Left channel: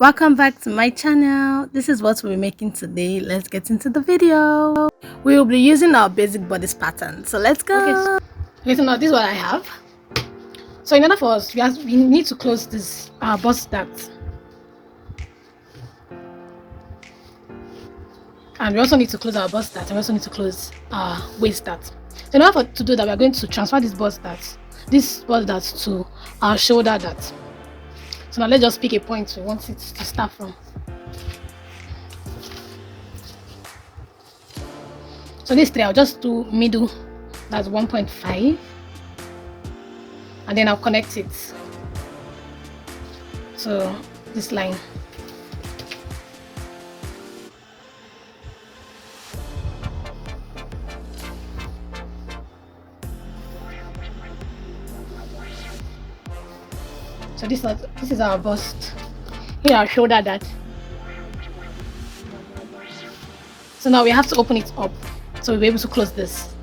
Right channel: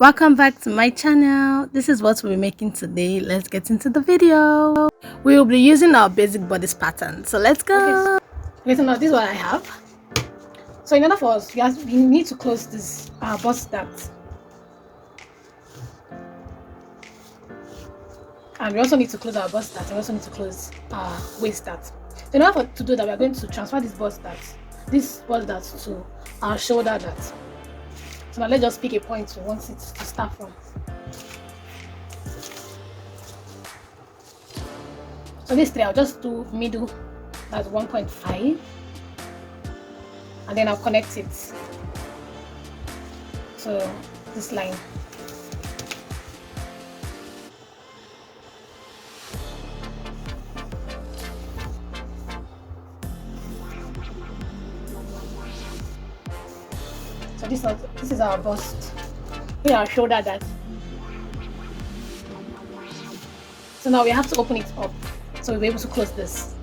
Welcome back to my channel. This is what we're making today. Let's get into the video. We will be using our basic bodice pattern. So let's go. Okay, so now this is what I have. So in order for us, we need to close this bust duct. And we also need to close our bust duct, and we also need to close our waist duct. So in order to do that, we are going to transfer this bust duct to our shoulder duct. So now let's just pick a point we want it to start from. So this three, I'll just do middle, that's 1.5, and then I'll connect it. So this line. So this is our bust. Here our shoulder dart. So now we have to open it up so we'll be able to close this.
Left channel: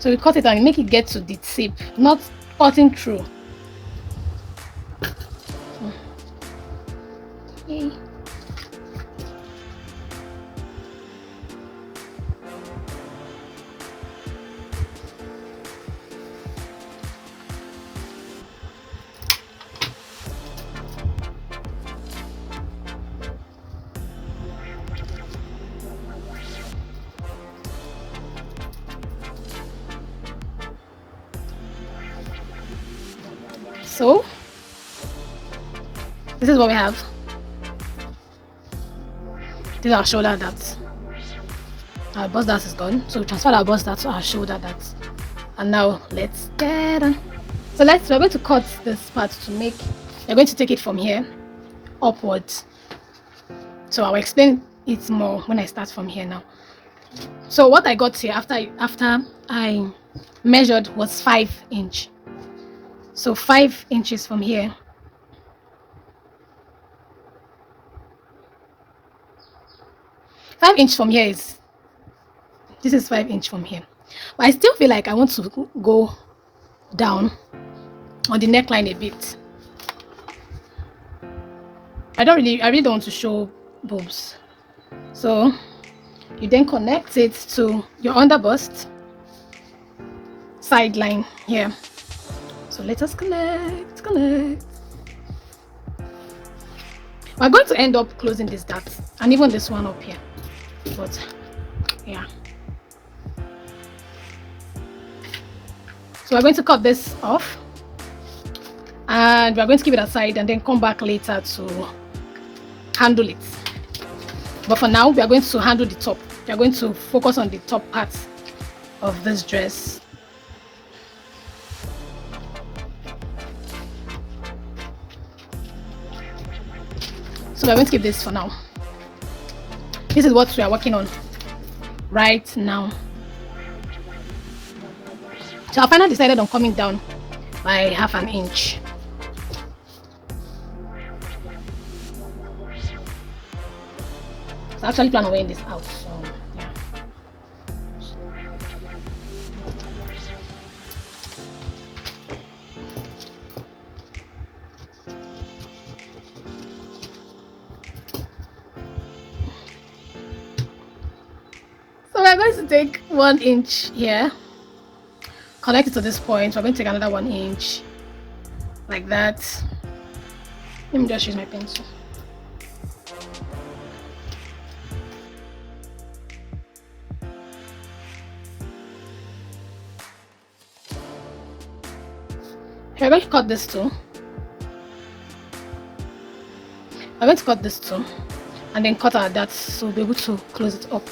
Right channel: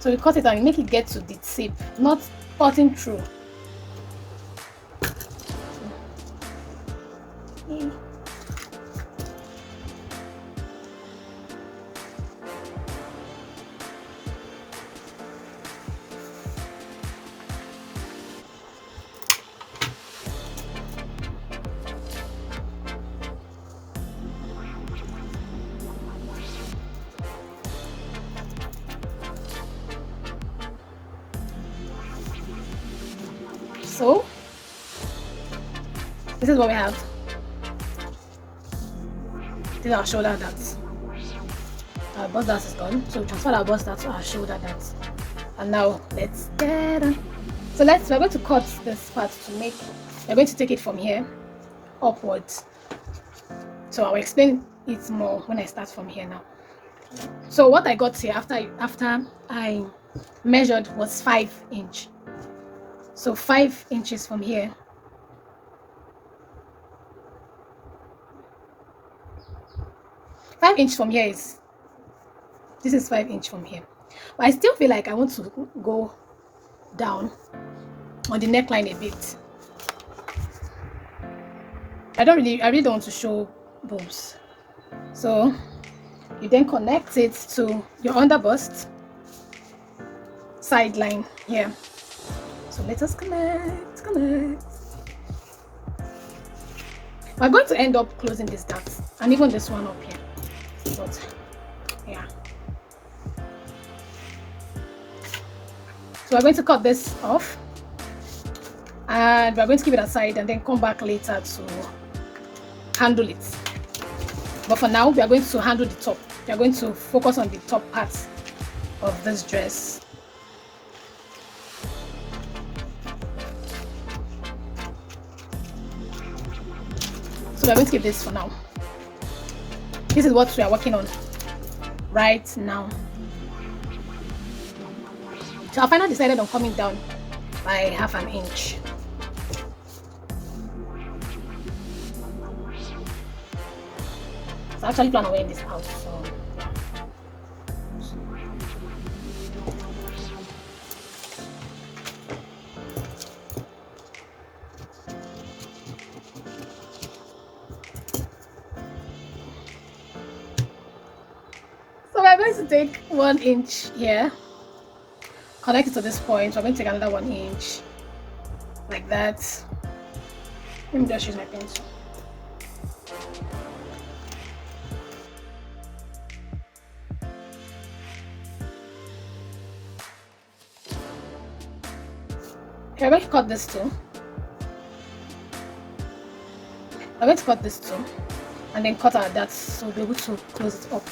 So we cut it and make it get to the tip, not cutting through. Okay. So this is what we have. This is our shoulder dart. Our bust dart is done. So we transfer our bust dart to our shoulder dart. And now let's get on. So we're going to cut this part we're going to take it from here upwards. So I'll explain it more when I start from here now. So what I got here after I measured was 5 inch. So 5 inches from here. This is 5 inch from here. But I still feel like I want to go down on the neckline a bit. I really don't want to show boobs. So you then connect it to your underbust side line here. So let us connect. We're going to end up closing this dart and even this one up here. But yeah. So we're going to cut this off and we're going to keep it aside and then come back later to handle it. But for now, we are going to handle the top. We are going to focus on the top part of this dress. So we're going to keep this for now. This is what we are working on right now. So I finally decided on coming down by 1/2 inch. So I actually plan on wearing this out. So yeah. So we're going to take 1 inch here, connect it to this point. We're going to take another 1 inch like that. Let me just use my pencil. We're going to cut this too. We're going to cut this too and then cut our darts so we'll be able to close it up.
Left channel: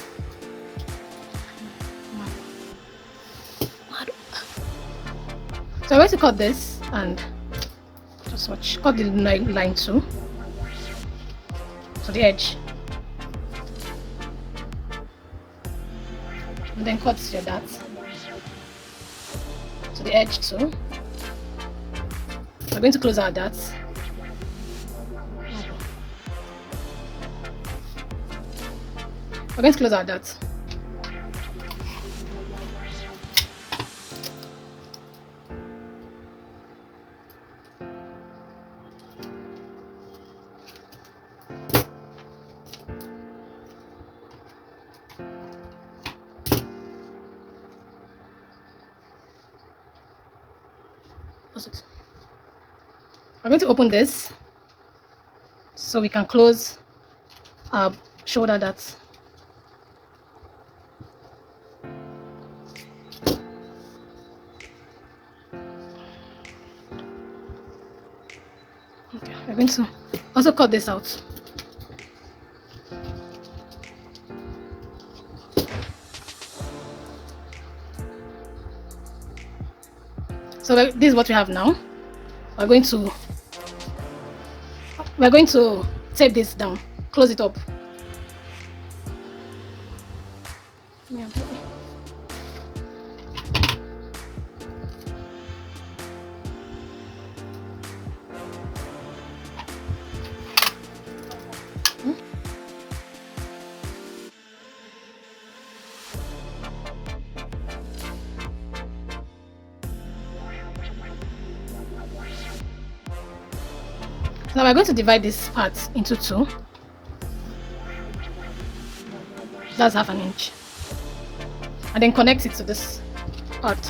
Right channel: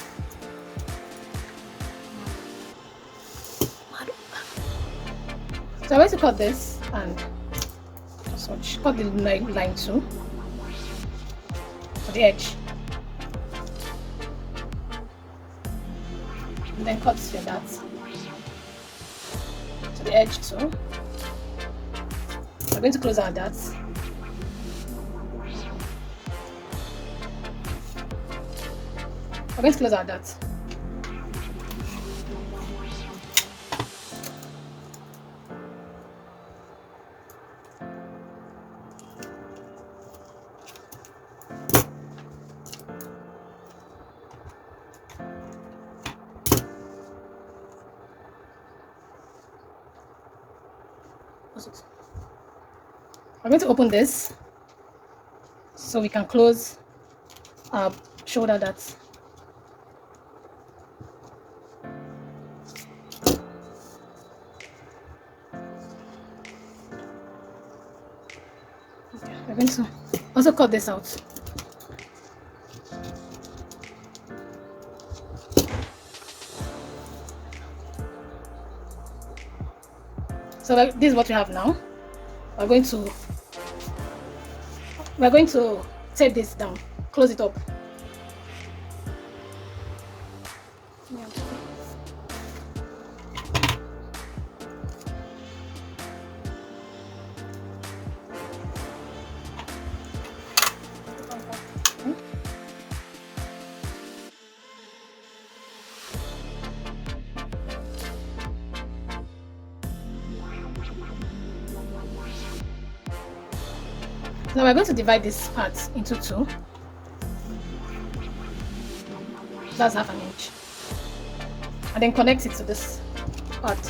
So I'm going to cut this and just watch. Cut the line too. To the edge. And then cut your dart to the edge too. We're going to close our darts. We're going to close our darts. I'm going to open this so we can close our shoulder darts. Okay, we're going to also cut this out. So this is what we have now. We're going to tape this down, close it up. Yeah. Now we're going to divide this part into two. That's 1/2 inch. And then connect it to this part.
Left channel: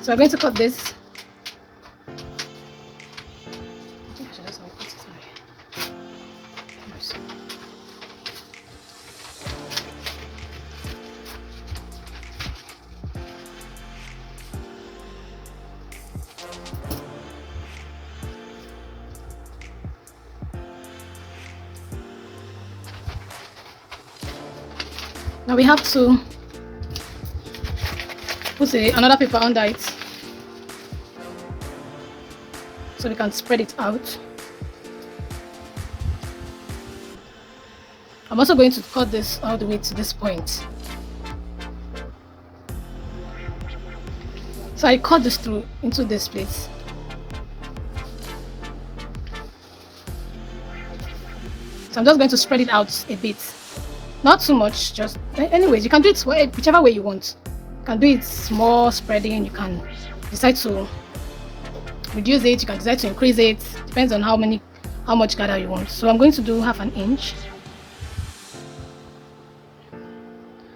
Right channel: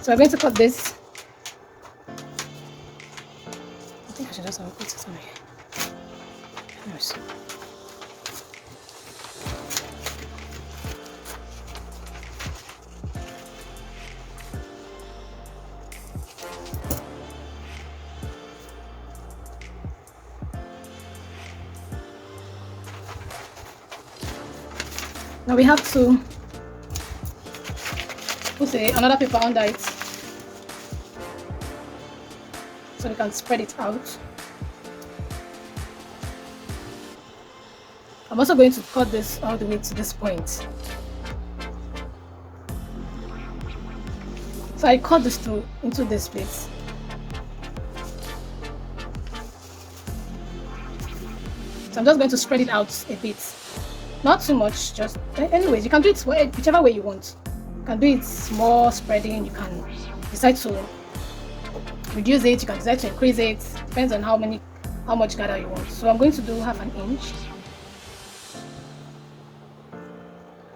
So we're going to cut this. I think I should just put it on here. Now we have to put another paper under it so we can spread it out. I'm also going to cut this all the way to this point. So I cut this through into this place. So I'm just going to spread it out a bit. Not too much, just anyways, you can do it whichever way you want. You can do it small spreading, you can decide to reduce it, you can decide to increase it, depends on how much gather you want. So I'm going to do 1/2 inch.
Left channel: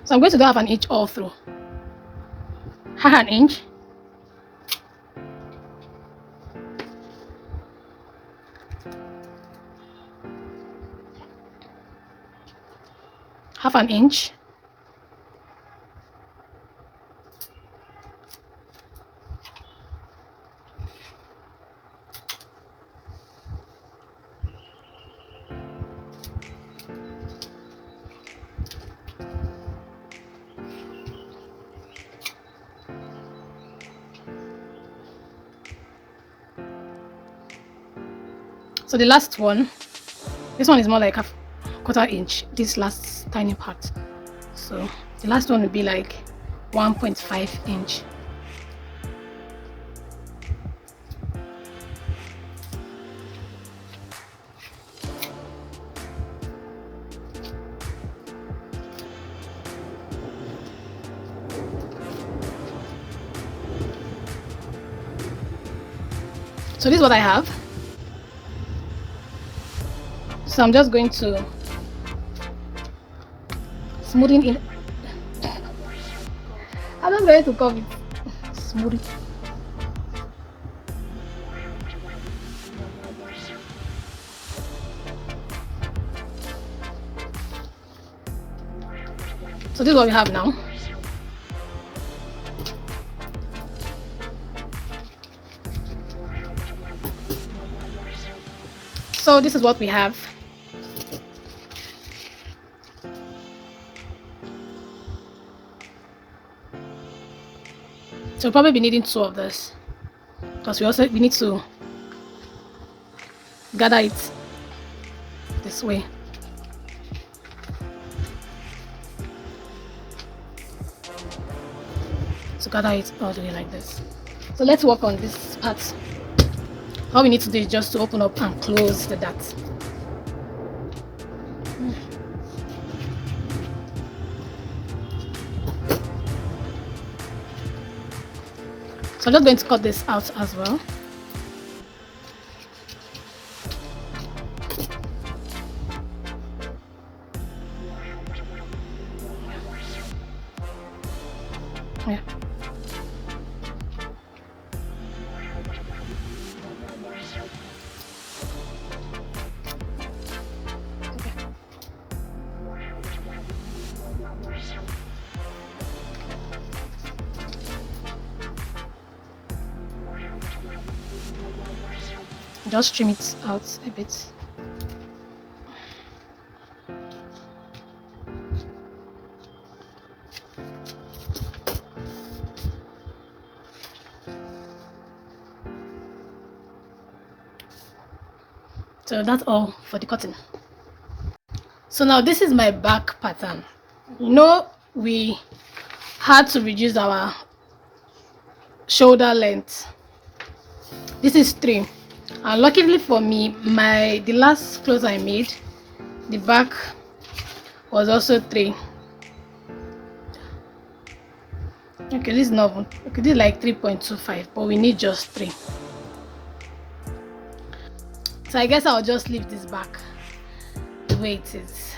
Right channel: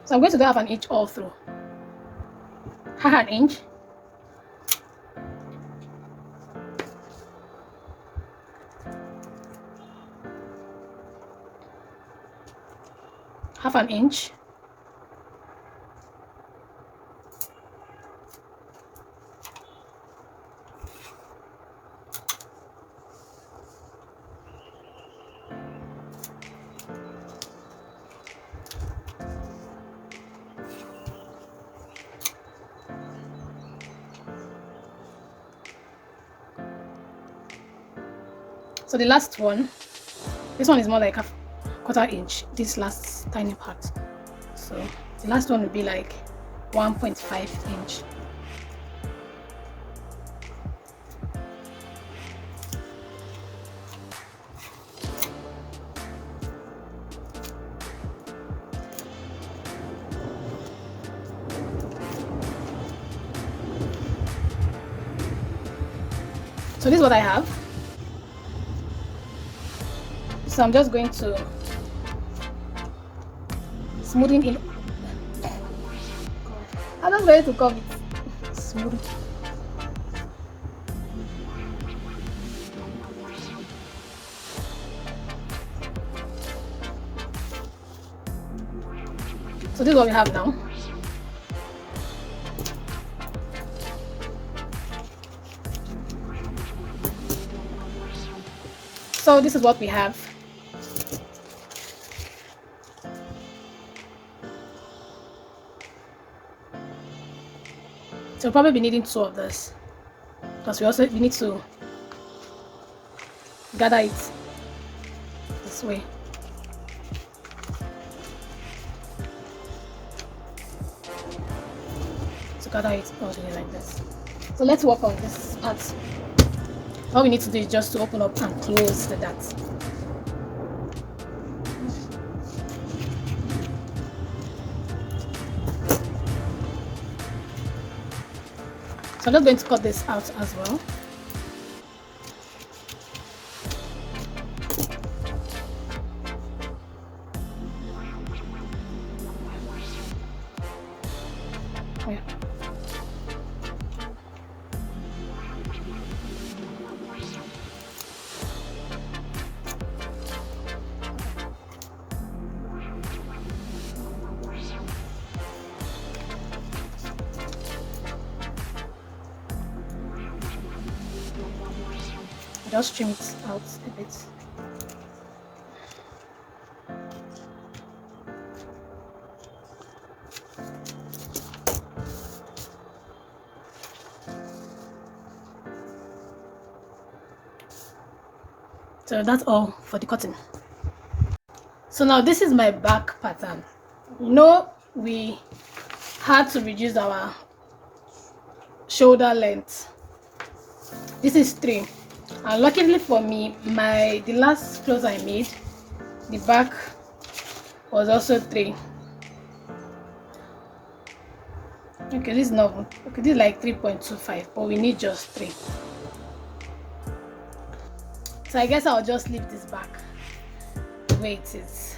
So I'm going to do 1/2 inch all through. 1/2 inch. Half an inch. So the last one, this one is more like 1/4 inch, this last tiny part. So the last one would be like 1.5 inch. So this is what I have. So I'm just going to smoothing in. I'm not ready to cover it. Smooth it. So this is what we have now. So this is what we have. So we'll probably be needing 2 of this, because we need to gather it this way. So gather it all the way like this. So let's work on this part. All we need to do is just to open up and close the dart. So I'm just going to cut this out as well. Yeah. Just trim it out a bit. So that's all for the cutting. So now this is my back pattern. You know, we had to reduce our shoulder length. This is 3, and luckily for me, the last clothes I made, the back was also 3. Okay, this is not okay, this is like 3.25, but we need just 3. So I guess I'll just leave this back the way it is.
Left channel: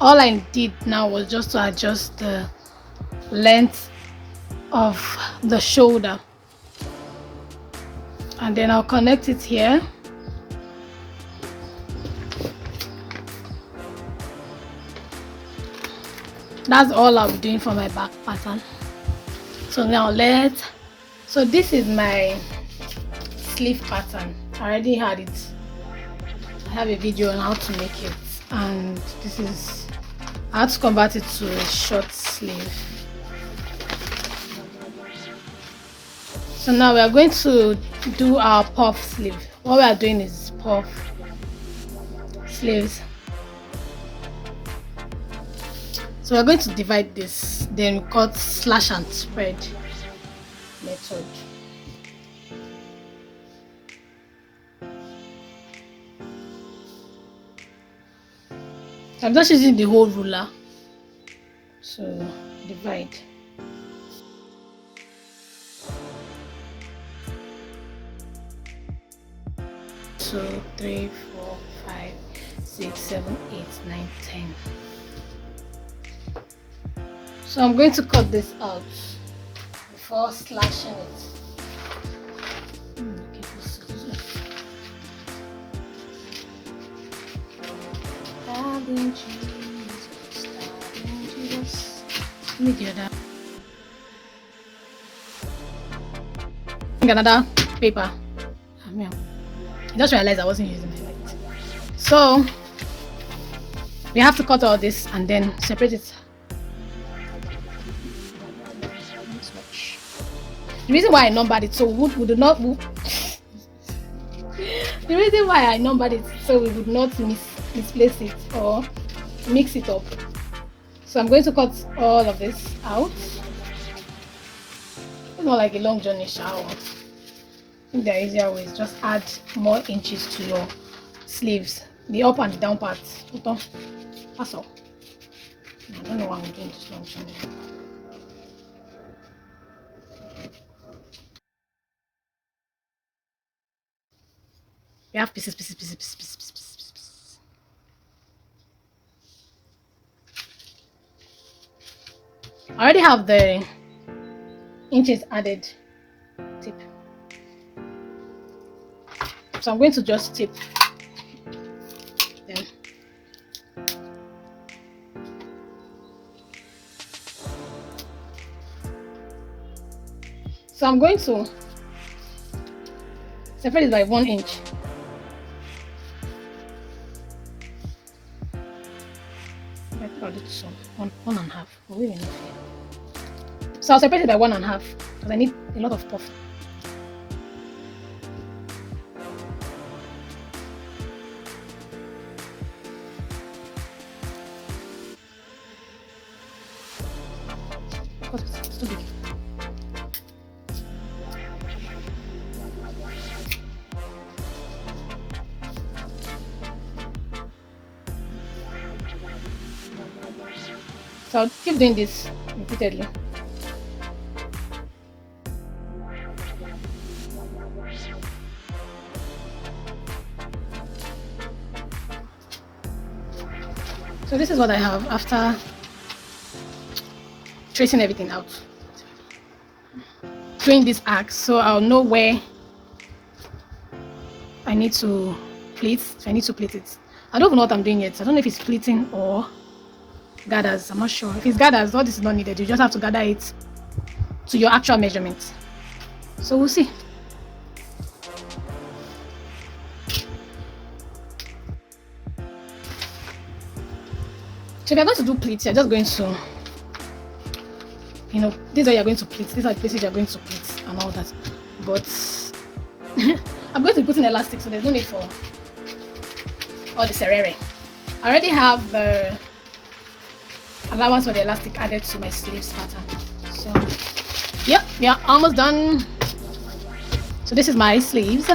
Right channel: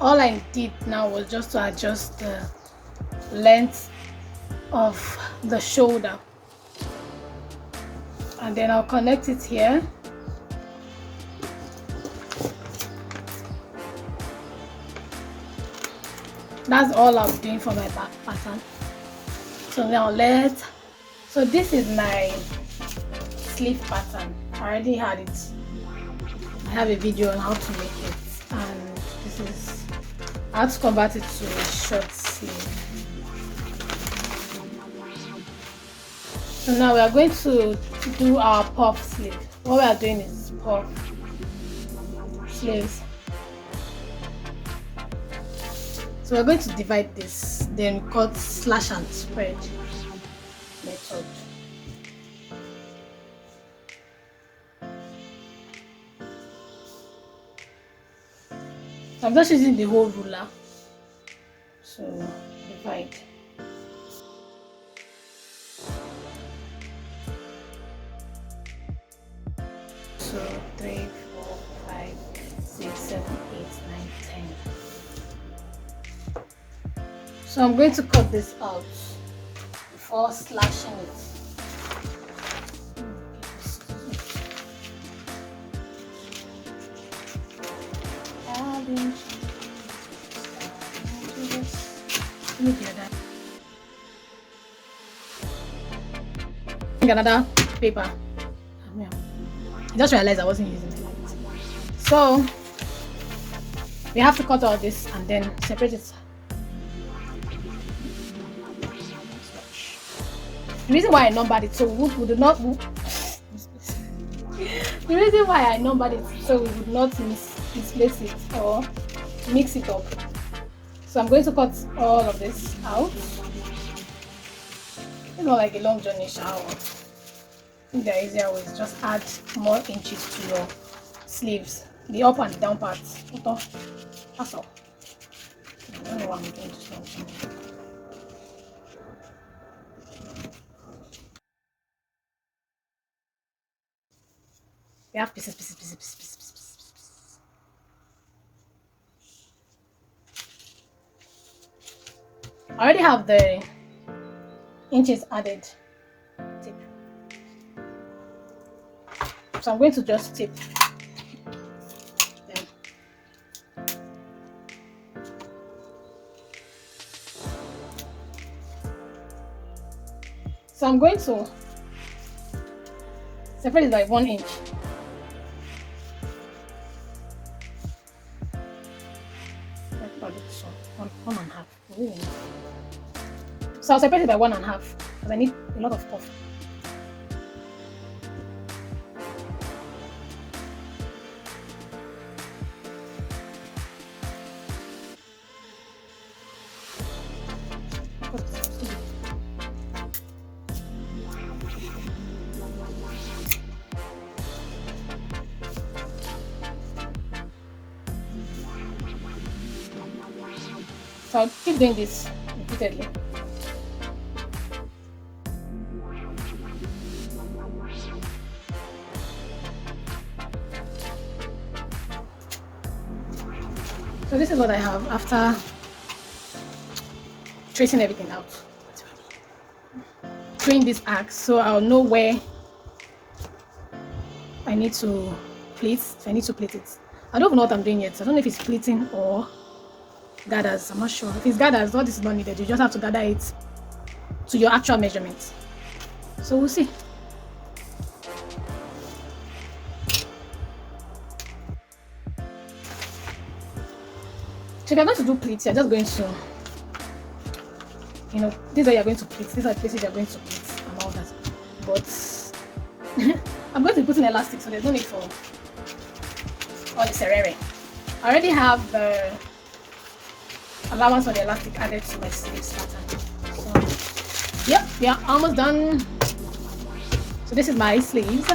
All I did now was just to adjust the length of the shoulder, and then I'll connect it here. That's all I'll be doing for my back pattern. So now so this is my sleeve pattern. I already had it. I have a video on how to make it, and this is, I had to convert it to a short sleeve. So now we are going to do our puff sleeve. What we are doing is puff sleeves. So we're going to divide this, then cut slash and spread method. So I'm just using the whole ruler. So divide. So 3, 4, 5, 6, 7, 8, 9, 10. So I'm going to cut this out before slashing it. Let me get that. Another paper. Yeah. I just realized I wasn't using my light. So we have to cut all this and then separate it. The reason why I numbered it so we would not the reason why I numbered it so we would not misplace it or mix it up. So I'm going to cut all of this out. It's not like a long journey shower. I think the easier way is just add more inches to your sleeves, the up and the down parts. That's all. I don't know why I'm doing this long journey. We have pieces. I already have the inches added tip. So I'm going to just tip them. So I'm going to separate it by 1 inch. 1.5. Really enough here. So I'll separate it by 1.5 because I need a lot of puff. It's too big. So I'll keep doing this repeatedly. So this is what I have after tracing everything out. Doing this axe so I'll know where I need to pleat. So I need to pleat it. I don't even know what I'm doing yet. I don't know if it's pleating or gathers. I'm not sure. If it's gathers, all this is not needed. You just have to gather it to your actual measurement. So we'll see. So if you're going to do pleats, you're just going to, you know, these are you're going to pleat. These are the places you're going to pleat and all that. But I'm going to put in elastic, so there's no need for all the serere. I already have the allowance for the elastic added to my sleeves pattern. So yep, we are almost done. So this is my sleeves.